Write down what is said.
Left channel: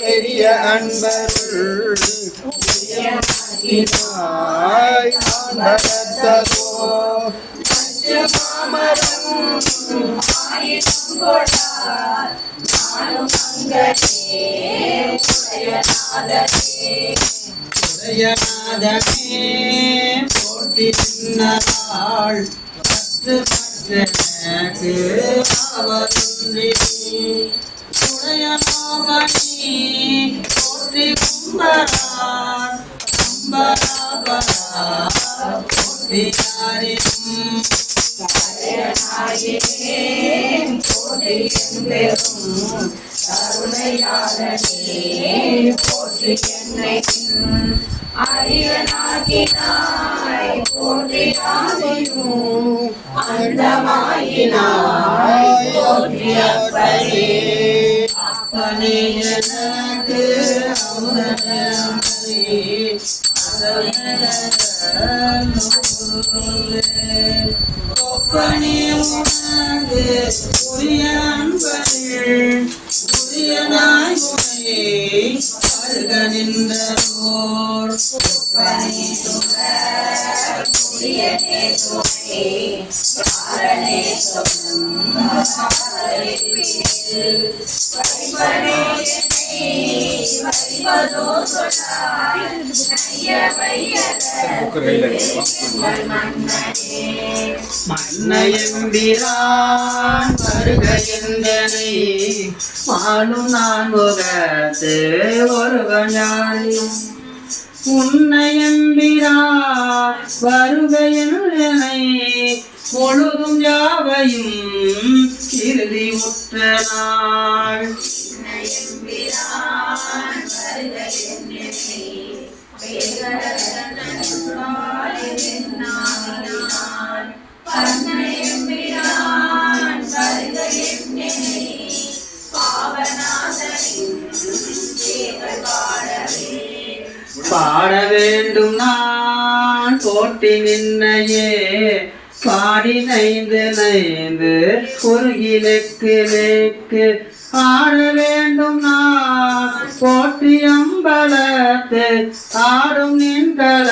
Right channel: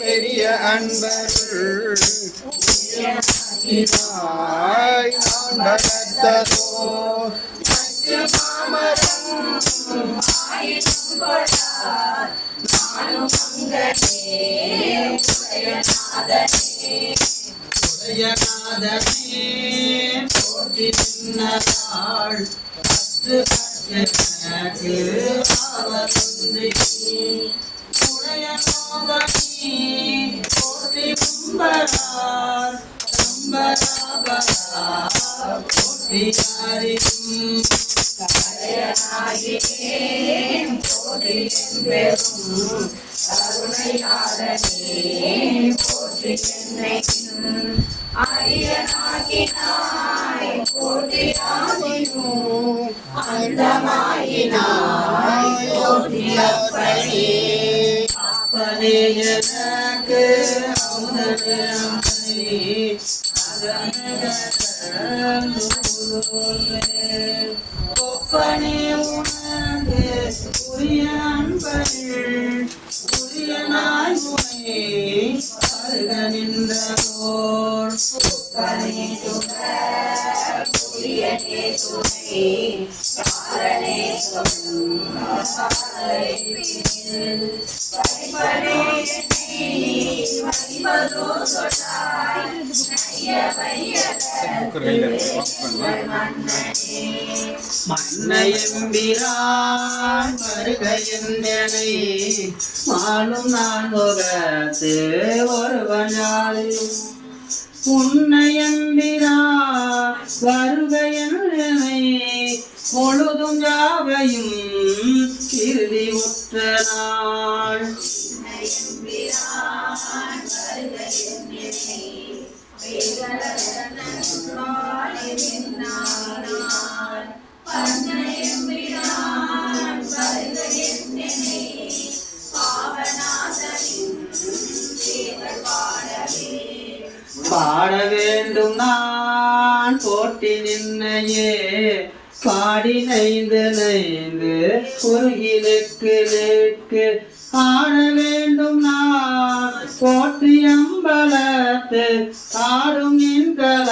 பெரிய அன்பருள் போற்றி சின்னாள் எனக்கு அவன்றி உடைய நோகனி போற்றி கும்பரார் கும்பராபரா போற்றி யாரினும் போற்றி என்பெரும் கருணையாளனே போற்றி என்னை அரியனாகினாய் போற்றி ஆதியும் அந்தமாயினாய் போற்றி அப்பனே அப்பனே எனக்கு அமுதனே ஒப்பனே உனக்கு உரிய அன்பர்கள் உரிய நாய் உனையே வருக நின்றோர் ஒப்பனே உரியனே துணை யாரனே மன்னையம்பிரான் வருக என்றனை மாலும் நான் முகத்து ஒருவனாயும் முன்னையம்பிரான் வருக என்றனை முழுதும் யாவையும் இறுதி உற்ற நாள் பாட வேண்டும் நான் போட்டி நின்னையே பாடி நைந்து நைந்து குறுகிலுக்கு நெக்கு ஆட வேண்டும் நான் போற்றி அம்பலத்து ஆடும் நின்கல